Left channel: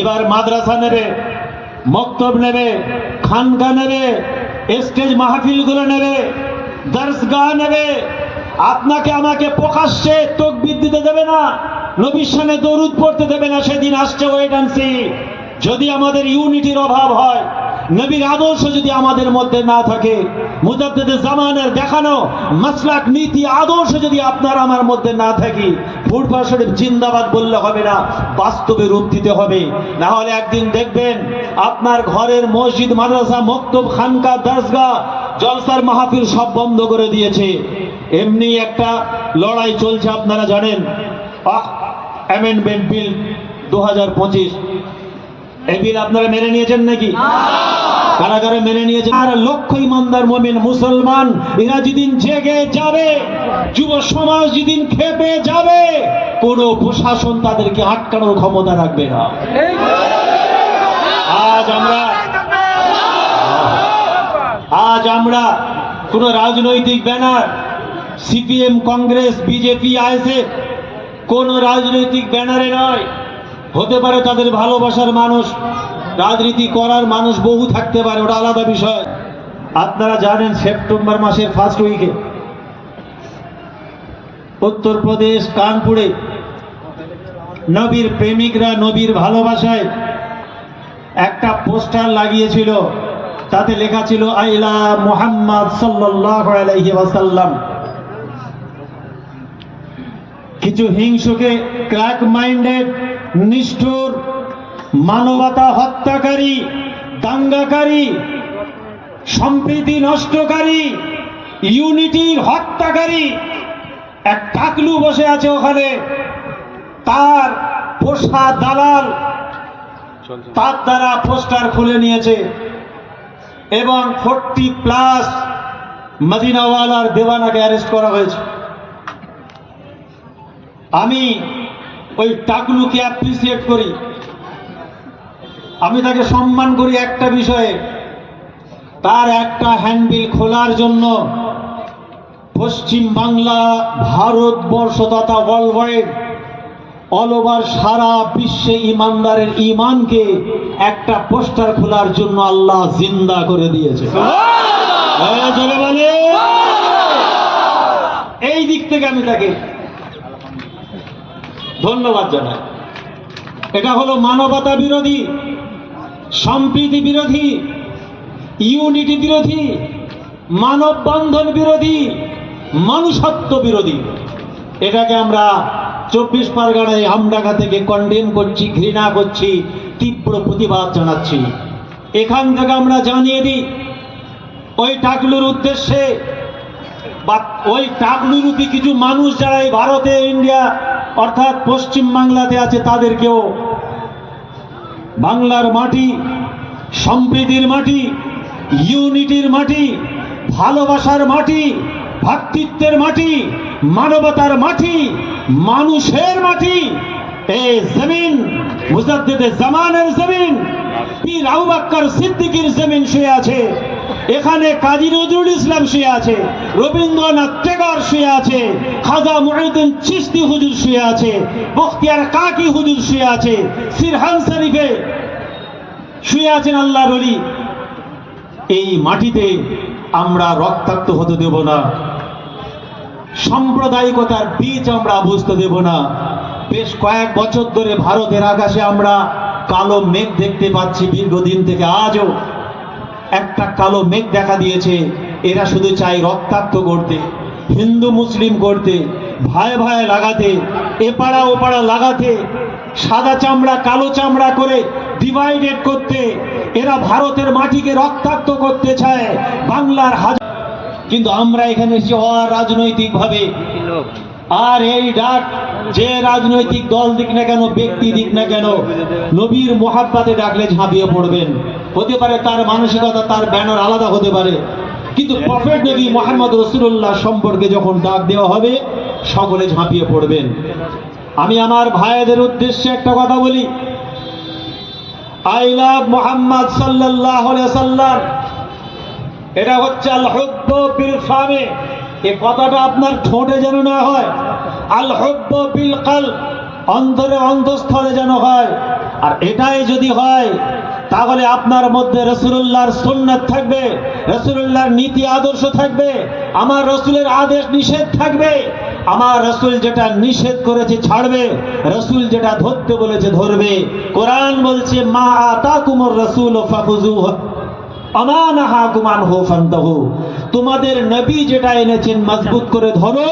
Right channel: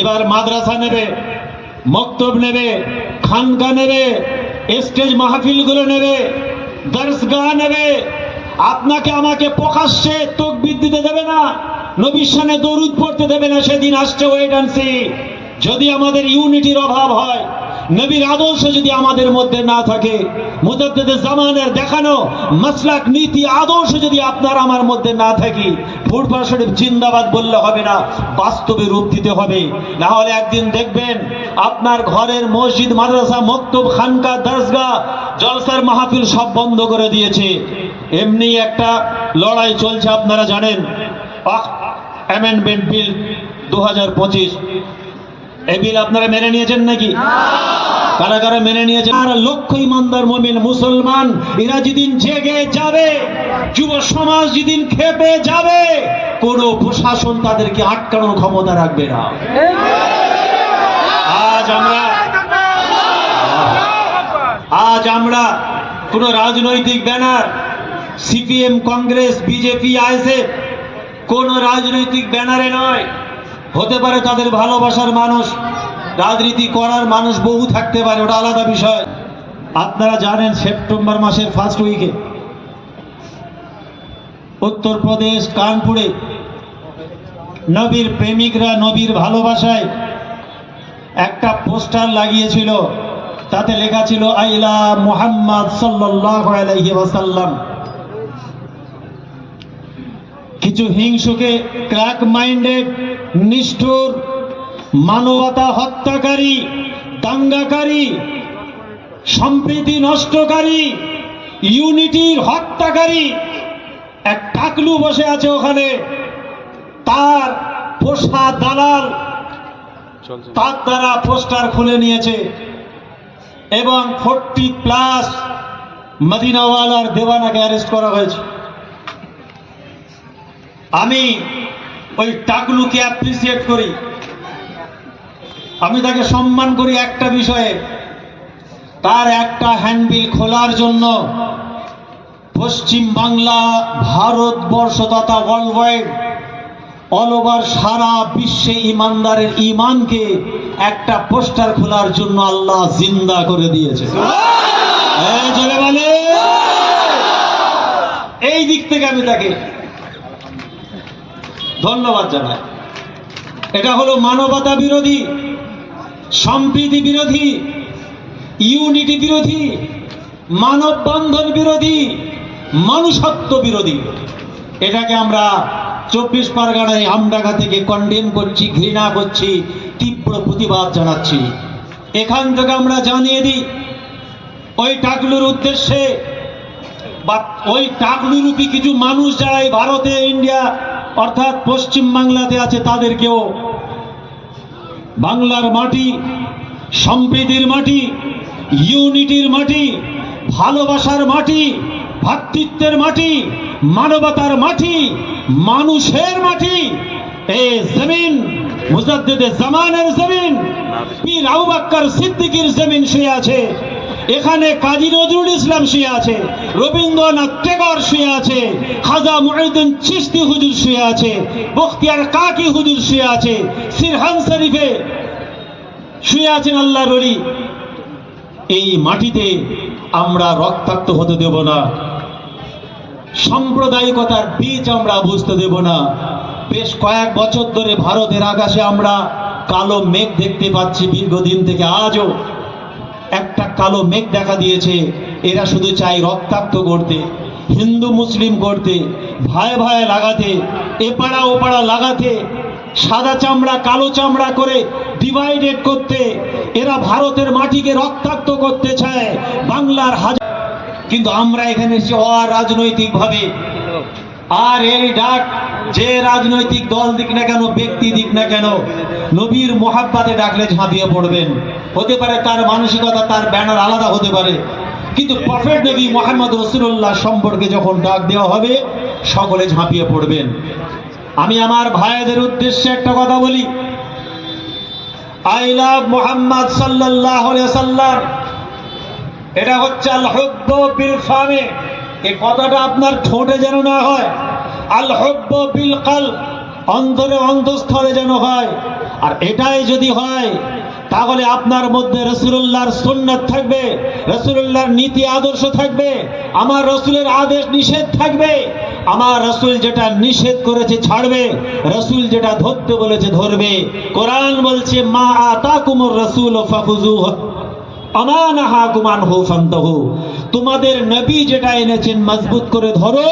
এবার মাদ্রাসা নেবে, মক্তব নেবে খানগা নেবে, স্টেজ মাহফিলগুলো নেবে দর্শগা নেবে। আপনাকে আমাকে প্রকাশ্যে তকবির দিতে দেবে না, নবীর সামনে পড়তে দেবে না, সেদিন আসছে ওয়েট অ্যান্ড সি যদি আমাদের ইউনিটির অভাব হয় নবীর আদর্শ যদি আমাদের মধ্যে না থাকে, মুজাদ্দেদের জামানের দেখানো মাসলাক নীতি আদর্শ যদি আপনার আমার মধ্যে না থাকি, ফুটবল শরীফ জিন্দাবাদ বললে হবে না, বাস্তবে রূপ দিতে হবে। না হলে একদিন দেখবেন আপনার ঘরের মসজিদ, মাদ্রাসা, মক্তব খানকা দরসগা জলসার মাহফিল সব বন্ধ করে দিয়েছে। এমনি একটা লড়াই চলছে, আপনারা জানেন। অ্যামেন্ডমেন্ট বিল দু হাজার পঁচিশ। এই বিল আপনারা মেনে নিয়েছেন নাকি? কারা কারা মেনে নিয়েছেন আর লক্ষ ইমানদার মমিন, মুসলমান, এরা যেদিন জেগে যাবে, যুব সমাজ যেদিন খেপে যাবে, কোন প্রশাসন তাদেরকে আটকানোর ক্ষমতা রাখবে না। আজ আমরা আজ আমরা কোন রাজনৈতিক banner, CPM, Congress, BJP, ISF, কোন রাজনৈতিক ব্যানারে নয়। হতে পারে তাদের ভালোবাসার মানুষ রাজনীতি করার মানুষ বহু থাকতে পারে, ওটা আলাদা বিষয়। আপনারা জানেন সেপ্টেম্বর মাসের ফার্স্ট উইকে উত্তরপ্রদেশ, কানপুরে নবীর প্রেমিকরা নবীর ভালোবাসায় একটা পোস্টার লাগিয়েছিল, তাতে লেখা ছিল আইলা মুহাম্মদ ওয়াসাল্লাম। কিছু হিংসুকে ক্র্যাক মাইন্ডেড নিষ্ঠুর মানবতা হত্যাকারী দাঙ্গাকারী সম্প্রীতি নষ্টকারী ইউনিটির হত্যাকারী এক টাকলু বসে আছে ওখানে। তার পোষা দালাল তার দ্বারা পোস্টার খুলে নিয়েছে এবং ফোরটি প্লাস মদিনাওয়ালার দেওয়ানাকে অ্যারেস্ট করা হয়েছে। আমি ওই টাকলুকে অ্যাপ্রিসিয়েট করি। আমি তাকে সম্মান করি একটা বিষয়ে। তার একটা হ্যান্ডবিল খোলার জন্য পশ্চিম বাংলা ভারতবর্ষ তথা ওয়ার্ল্ড ওয়াইড অল ওভার সারা বিশ্বে ইমানদারের ইমানকে একটা পোস্টার খোলার জন্য আল্লাহ জিন্দা করে দিয়েছে। হ্যাঁ, এই দিক থেকে আমি তাকে ধন্যবাদ জানাই। এটা হলো মানবতা বিরোধী। সম্প্রীতি বিরোধী, ইউনিটি বিরোধী মানব বন্ধন বিরোধী, মানুষত্ব বিরোধী। এটাকে আমরা চব্বিশ পরগনায় আমডাঙ্গা থেকে কন্ডেম করছি, ঘৃণা করছি, তীব্র প্রতিবাদ জানাচ্ছি। এখান থেকে আমরা জানিয়ে দিই, ওই টাকলুর উদ্দেশ্যে বা ওই টাকলুরূপী কিছু মানুষ যারা এই ভারতে, ইন্ডিয়া অর্থাৎ পশ্চিম বাংলাতে আছে, তাদেরকেও বাংলার মাটি, সম্প্রীতির মাটি, ইউনিটির মাটি, ভালোবাসার মাটি, ভাতৃত্বের মাটি, মানবতার মাটি, মানুষের মাটি। এই জমিন মুসাদ্দেদের জামানের জমিন, পীর আবু বাক্কার সিদ্দিকীর জমিন সে আছে। এখানে কাজী নজরুল ইসলাম শুয়ে আছে, রবীন্দ্রনাথ টেগর শুয়ে আছে, খাজা মুহিউদ্দিন চিশতি হুজুর শুয়ে আছে, বখতিয়ার কাকি হুজুর শুয়ে আছে, সিরহান শরীফে শুয়ে আছেন আল্লাহ বলি এই মাটিতে আমরা রক্তাক্ত হতে দেব না। সাম্প্রদায়িকতার বীজ আমরা বুঝতে দেব না। বেশ কয়েক বছর ধরে ভারতের আকাশে আমরা কালো মেঘ দেখতে পাচ্ছি, দীর্ঘদিন থেকে আজও একটা কালো মেঘ দেখা দিয়েছে। এরা শুধু চায় রক্তাক্ত করতে, হিন্দু, মুসলিম করতে ভয়ে ভয়ে লাগাতে, এপাড়া ওপাড়া লাগাতে, সাদা চামড়া, কালো চামড়া করে ডিভাইডেড করতে, এরা ভারতের মাটিকে রক্তাক্ত করতে চায়, বাংলার হাজার কিন্তু আমরা এখানে এসে অরাজনৈতিক ভাবে আর এই ডাক যে রাজনৈতিক দল দিক না কেন, ব্যক্তি দিক না কেন, নবীর মোহাব্বাতে ডাকলে ঝাঁপিয়ে পড়বেন। হতে পারে তার মানসিকতা, তার ব্যানার আলাদা হতে পারে। কিন্তু প্রফেট নবী মোহাম্মদ রসুল্লাহ সম্পর্কে যখন ডাক দেওয়া হবে, সকলে ঝাঁপিয়ে পড়বেন। আমি আমার ভাইয়াদের উদ্দেশ্যে একটা কথা বলি। আই লাভ মোহাম্মদ সাল্লাহ এটা হচ্ছে এই কথাটা আপনার ঠোঁটে যেন না হয়। আল হুব্ব বিল কাল অন্তরে অন্তঃস্থলে যেন হয়। আর এটাই যদি হয়, তাহলে আপনার মধ্যে রসুল্লাহর সুন্নাত থাকবে রসুল্লাহর নীতি আদর্শ থাকবে, আমার রসুলের আদেশ নিষেধ থাকবে, আমার রসুল যেটা নিষেধ করেছে ছাড়বে, রসুল যেটা ধরতে বলেছে ধরবে। কোরআন বলছে, মা আতা কুমর রসুল ফাফুজু আমানাহাকুমান হো ফান্তাহু। তোমাদের নবী যেটা এনেছেন, মজবুত করে ধরো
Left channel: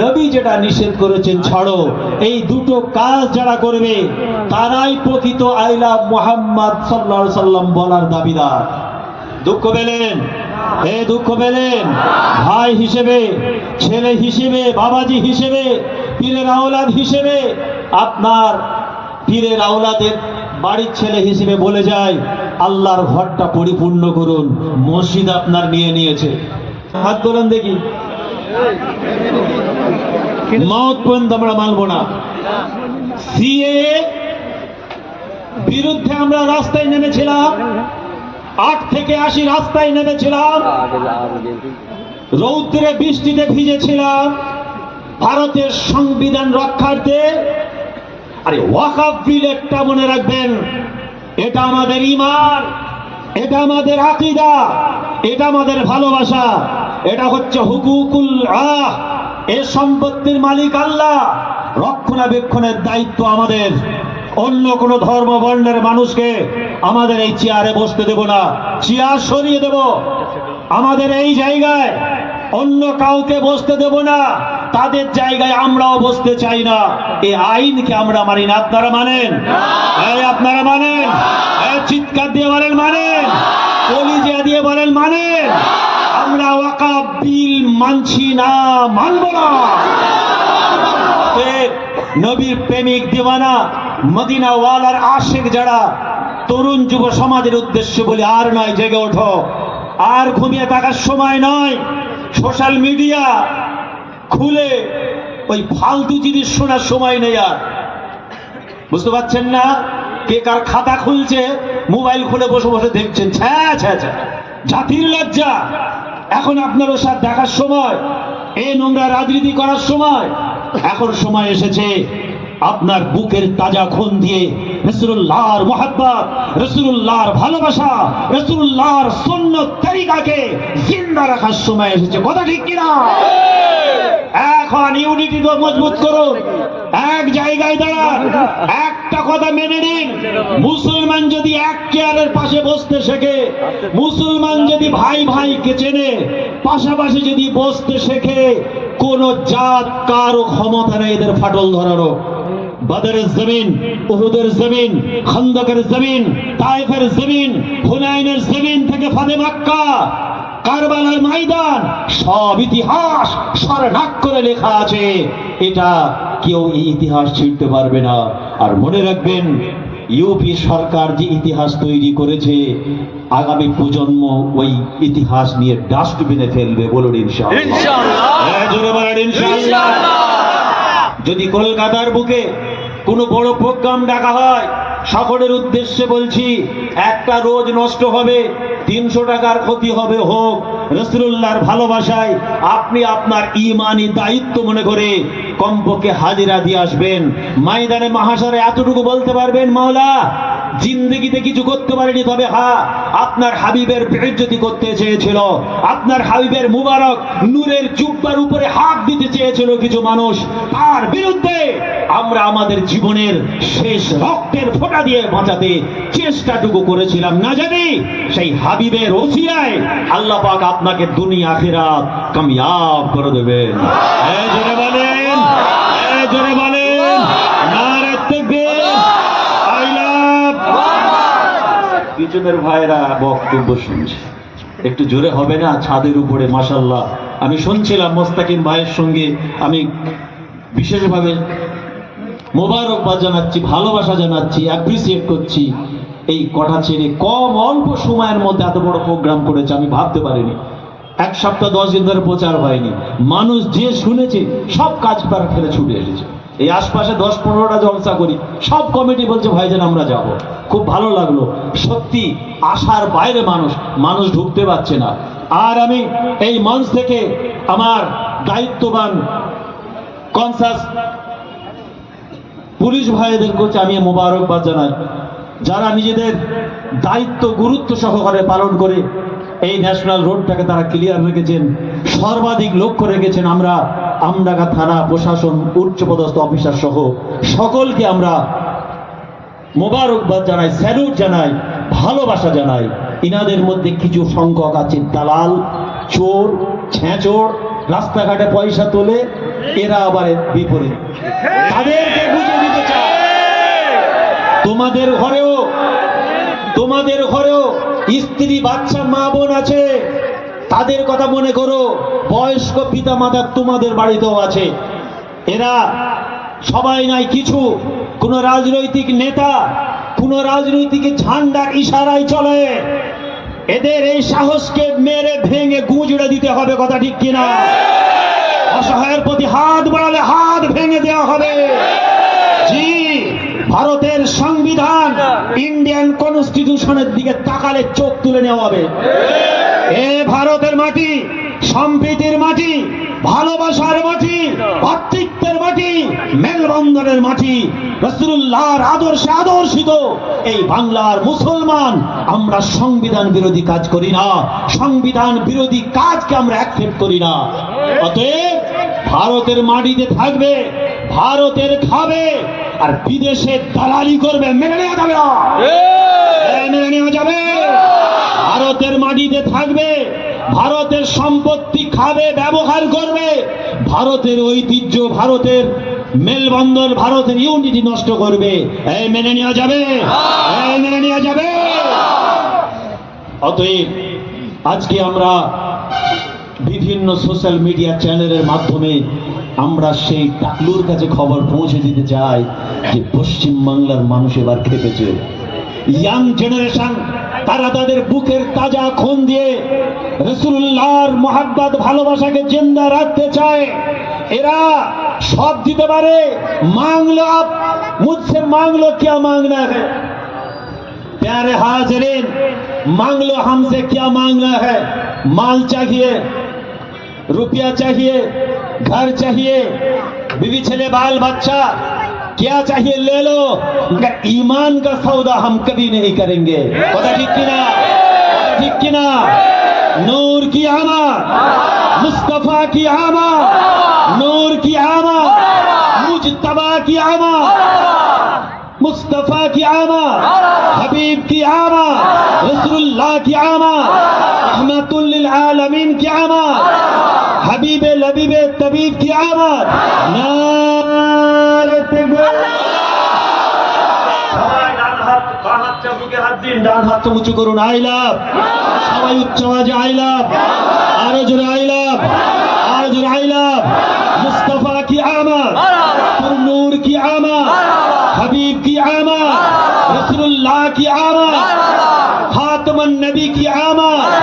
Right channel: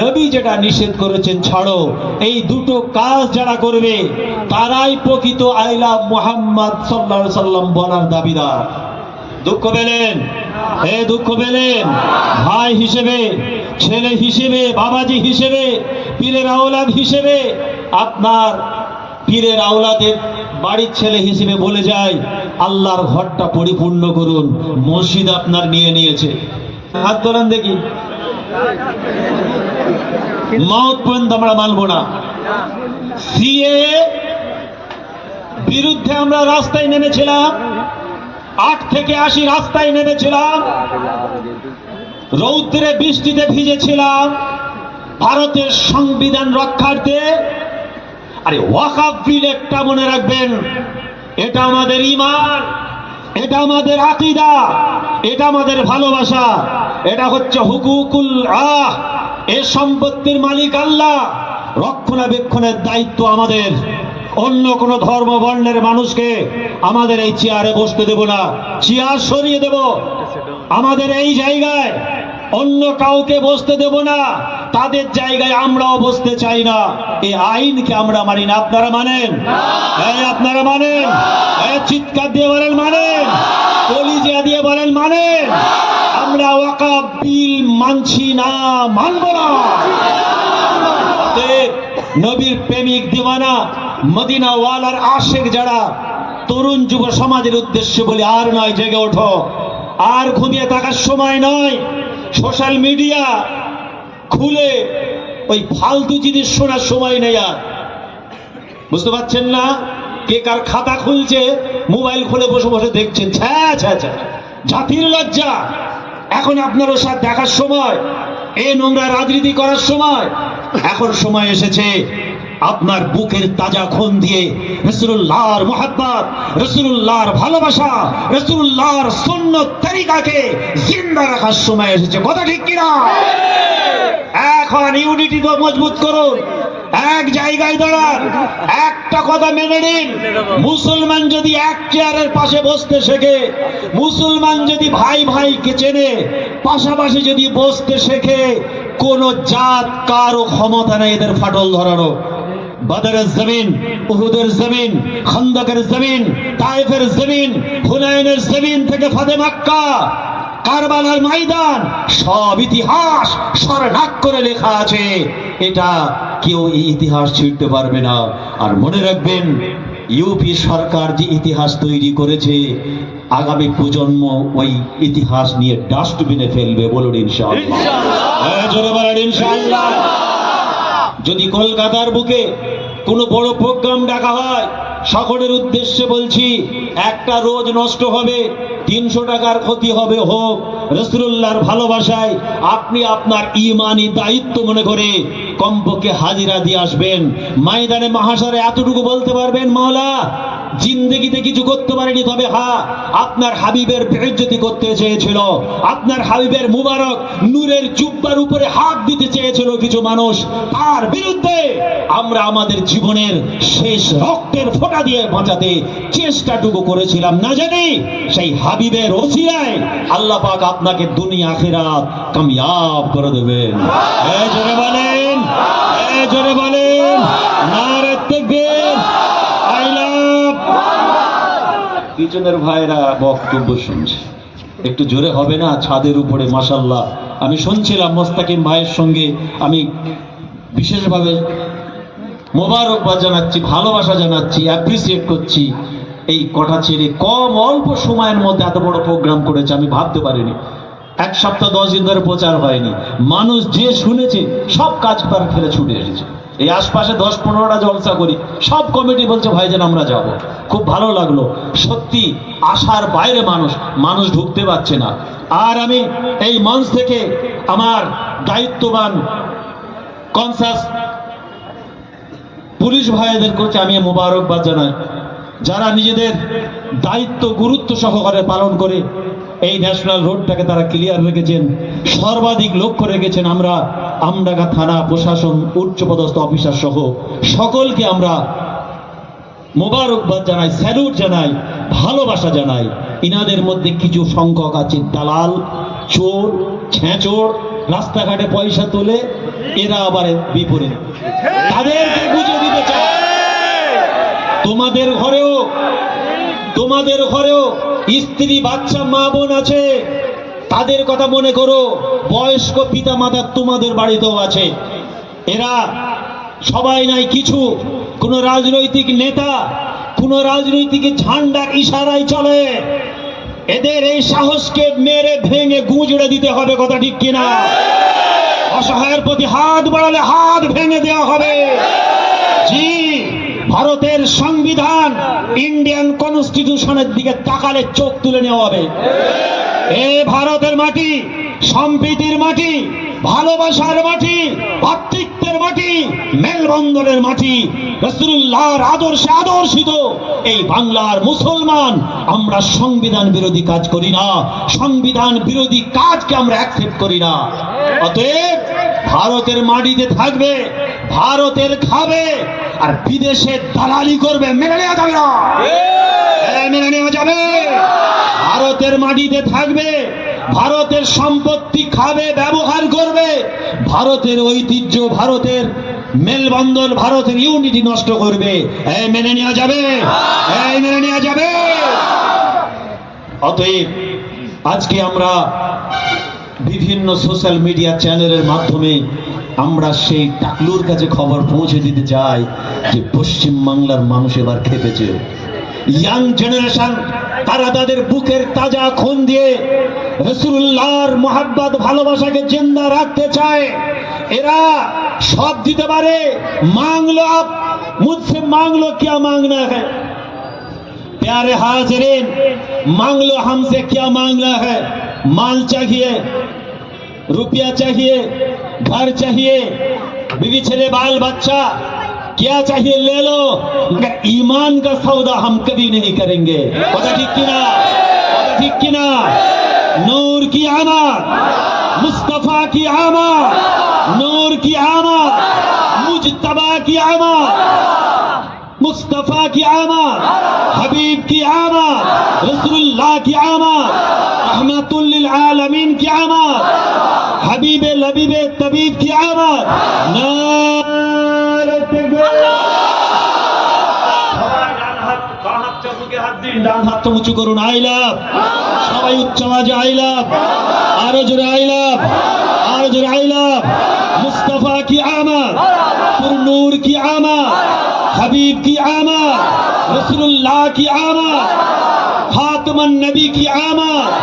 নবী যেটা নিষেধ করেছেন, ছাড়ো। এই দুটো কাজ যারা করবে, তারাই প্রকৃত আইলা মোহাম্মদ আলাইহি সাল্লাম বলার দাবিদার। দুঃখ পেলেন? এ দুঃখ পেলেন? ভাই হিসেবে, ছেলে হিসেবে, বাবাজি হিসেবে, পীরের আওলাদ হিসেবে, আপনার পীরের আওলাদের বাড়ির ছেলে হিসেবে বলে যায়, আল্লাহর ঘরটা পরিপূর্ণ করুন, মসজিদ আপনার নিয়ে নিয়েছে। হাত ধরেন দেখি। মত পর্যন্ত আমরা মানব না। সিএ বিরুদ্ধে আমরা রাস্তায় নেমেছিলাম, আট থেকে আশি রাস্তায় নেমেছিলাম, রৌদ্রে বৃষ্টিতে ভিজেছিলাম, ভারতের সংবিধান রক্ষার্থে। আরে ওয়াকাফ বিল একটা মনে রাখবেন, এটা আমাদের ইমান, এটা আমাদের আকিদা, এটা আমাদের ভালোবাসা। এটা হচ্ছে হুকুকুল আহ এ সম্পত্তির মালিক আল্লাহ। রক্ষণাবেক্ষণের দায়িত্ব আমাদের। অন্য কোন ধর্ম বর্ণের মানুষকে আমাদের এই চেয়ারে বসতে দেব না। চেয়ার সরিয়ে দেব। আমাদের এই জায়গায় অন্য কাউকে বসতে দেব না। তাদের জায়গায় আমরাও বসতে চাই না। এই আইনকে আমরা মানি না। আপনারা মানেন? আপনারা মানেন? চিৎকার দিয়ে বলেন মানেন? কলিজা দিয়ে বলেন মানেন? মানছি না, মানব না। নবীর প্রেমিক দিওয়ানা মদিনা ওয়ালার আশেক যারা, তরুণ যুব সমাজের উদ্দেশ্যে বলি, আর নয়, জেগে ওঠো। আর ঘুমিয়ে থাকার সময় নয়, সোশ্যাল মিডিয়া খুলে ওই ফালতু জিনিস শোনার সময় নেই আর। বুঝতে পারছেন না? কে কার খাতা খুলছে, মোবাইল খুলে বসে বসে দেখছেন, ছ্যা ছ্যা ছ্যা। জাতির লজ্জা। এখন আপনার সাথে দেখার সময় এ নোংরা রাজনীতি করার সময়, এখন সময় এসেছে আপনার বুকের তাজা খুন দিয়ে রসুল্লাহর মোহাব্বত রসুল্লাহর ভালোবাসা রসুল্লাহর সুন্নত তরিকাকে জিন্দা রাখার সময় এসেছে। কথা ঠিক কিনা? এখন ইউনিটি তো মজবুত করুন। এক জায়গায় দাঁড়ান। একটা কথা মেনে নিন। মুসলমান যদি পাশে বসতে শেখে। মুসলমান যদি ভাই ভাইকে চেনে, পাশাপাশি যদি বসতে শেখে, কোন জাত কারও ক্ষমতা নেই এদের ফাটল ধরানো বদরের জমিন, উহুদের জমিন, খন্দকের জমিন, তাইফের জমিন, হুনাইনের জমিন থেকে ফাদে মাক্কা, কারবালার ময়দান, সব ইতিহাস স্বর্ণাক করে লেখা আছে। এটা কেউ ইতিহাস ছিঁড়তে পারবে না। আর মনে রাখবেন ইউপি সরকার যে ইতিহাস তৈরি করেছে আগামী প্রজন্ম ওই ইতিহাস নিয়ে ডাস্টবিনে ফেলবে বলুন ইনশাআল্লাহ। হ্যাঁ, যদি কলকাতার বুকে কোনো বড় প্রোগ্রাম ডাকা হয় সকলের উদ্দেশ্যে বলছি, একটা রোজ নষ্ট হবে, তিনশো টাকার ক্ষতি হবে হোক। রসুল্লাহর ভালোবাসায় আপনি আপনার ইমানি দায়িত্ব মনে করে কম্পকে হাজিরা দিয়ে আসবেন। মাইদানে মহাসারে এতটুকু বলতে পারবেন, মাওলা? জিন্দগিতে কিছু করতে পারেনি, তবে হ্যাঁ আপনার হাবিবের বেজ্জতি করতে চেয়েছিল। আপনার হাবিবের মুবারক নূরের জুব্বার উপরে হাত দিতে চেয়েছিল কিছু মানুষ। তার বিরুদ্ধে আমরা আমাদের জীবনের শেষ রক্তের ফোঁটা দিয়ে বাঁচাতে চেষ্টাটুকু করেছিলাম। না জানি সেই হাবিবের ওসিয়ায় আল্লাহ পাক আপনাকে দুনিয়া, আখিরাত কামিয়াব করে দেবেন। বলেন বলেন নারে তাকবীর আই লাভ পিছনের ভাইরা বক্তব্য শুনছে। একটু জোরে হবে না? ছাদের উপরে মাসাল্লাহ আমি শুনছিলাম মোস্তাকিম ভাইয়ের সঙ্গে। আমি বিশেষভাবে মোবারকবাদ জানাচ্ছি, ভালোবাসা জানাচ্ছি অ্যাপ্রিসিয়েট করছি। এই কটা ছেড়ে কম অল্প সময়ের মধ্যে এত বড় প্রোগ্রাম করেছে, আমি ভাবতে পারিনি। এক সপ্তাহ, দশ দিন ধরে প্রচার হয়নি। মানুষ যে শুনেছে, সব কাজ করার ফেলে ছুটে এসেছে। এই আশপাশে দশ পনেরোটা জলসা করি, সব কমিটি বলছে ভাইজান আমরা যাব। খুব ভালো লাগল। সত্যি, আশার বাইরে মানুষ মানুষ ঢুকতে পারছে না। আর আমি এই মঞ্চ থেকে আমার দায়িত্ববান কনসাস পুলিশ ভাইদের করছে আমি মোবারকবাদ জানাই, যারা নিজেদের দায়িত্ব, গুরুত্ব সহকারে পালন করে এই ন্যাশনাল রোডটাকে তারা ক্লিয়ার রেখেছেন, সর্বাধিক লক্ষ্য রেখেছেন। আমরা আমডাঙ্গা থানা প্রশাসন, উচ্চপদস্থ অফিসার সহ সকলকে আমরা মোবারকবাদ জানাই, স্যালুট জানাই, ভালোবাসা জানাই। ইনাদের মধ্যে কিছু সংখ্যক আছে, দালাল, চোর, ছেঁচোর, রাস্তাঘাটে পয়সা তোলে, এরা আবার বিপরীত। তোমাদের ঘরেও তোমাদের ঘরেও স্ত্রী, বাচ্চা, মা, বোন আছে। তাদের কথা মনে করো। বয়স্ক পিতা মাতা তোমাদের বাড়িতেও আছে। এরা সবাই নাই কিছু। কোন রাজনৈতিক নেতা, কোন রাজনৈতিক ঝান্ডার ইশারায় চলে। এদের এই সাহসকে মেরে ভেঙে গুঁজড়ে দিতে হবে, কথা ঠিক কিনা? অসহায়ের প্রতি হাত বাড়ালে হাত ভেঙে দেওয়া হবে। জি, ভারতের সংবিধান ইন্ডিয়ান কনস্টিটিউশনের দিকে তাকালে চোখ তুলে নেওয়া হবে। এ ভারতের মাটি, সম্প্রীতির মাটি, ভালোবাসার মাটি, ভাতৃত্বের মাটি, মেলবন্ধনের মাটি। রসুল্লাহর আদর্শে আদর্শিত এই বাংলার মুসলমান। আমরা সংবিধান বিরোধী কাজ করি না। সংবিধান বিরোধী কাজকে আমরা অ্যাকসেপ্ট করি না। অতএব ভারতের মাটিতে থাকবে, ভারতের খাবে, আর বিদেশে দালালি করবে নেওয়া যাবে না এ, মেনে নেওয়া যাবে ভারতের মাটিতে থাকবে ভারতের সম্পত্তি খাবে ব্যবহার করবে ভারতের ঐতিহ্য, ভারতের মেলবন্ধন ভারতের ইউনিটি নষ্ট করবে। এই মেনে নেওয়া যাবে? এই মেনে নেওয়া যাবে? অতএব, আজকে আমরা বিভিন্ন সোশ্যাল মিডিয়া চ্যানেলের মাধ্যমে আমরা সেই টাকলুর কাছে খবর পৌঁছে দিতে চাই যে পশ্চিম বাংলার মানুষ এবার খেপেছে। ইয়াং জেনারেশন, তারা তাদের বুকের তাজা খুন দিয়ে রসুল্লাহর মোহাব্বত, ভালোবাসাকে জিন্দা রাখতে চায়। এরা সব দিতে পারে। মাংলো আপ মুঝসে মাংলো क्या मांगना है प्यारे হাজিরিন मांग लो हमसे क्या मांगना है माल चाहिए रुपया चाहिए घर चाहिए ছেলে, বাল बाल बच्चा क्या चाहिए ले लो मगर ईमान का सौदा हम कभी नहीं करेंगे ठीक की ना ठीक की ना नूर की आमा मुस्तफ़ा की आमा আল্লাহ কি আমার রহমাতুল্লিল আলমিন কি আমার হাবিবে লবিবে তবিব কি আমার ডান হাত উঁচু করুন সবাই উচ্চ আওয়াজে আইলাভ আরও জোরে আইলাভ আরও জোরে আইলাভ মুস্তাফা কি কি আমার হাবিব কি আমার রসুল্লাহ কি আমার खातमन नबी की आमद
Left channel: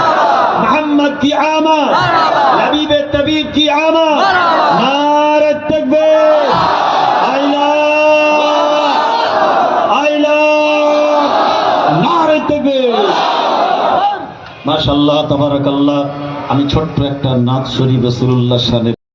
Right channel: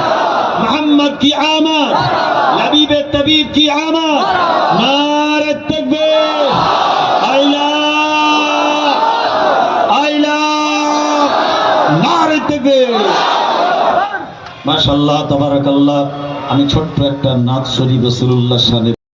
मोहम्मद की आमद लबीब तबीब की आमद नारे तकबीर आइला আইলা নারে তকবীর মাশাআল্লাহ তাবারাকাল্লাহ আমি ছোট্ট একটা নাচ শরীফ রাসূলুল্লাহ সাহেব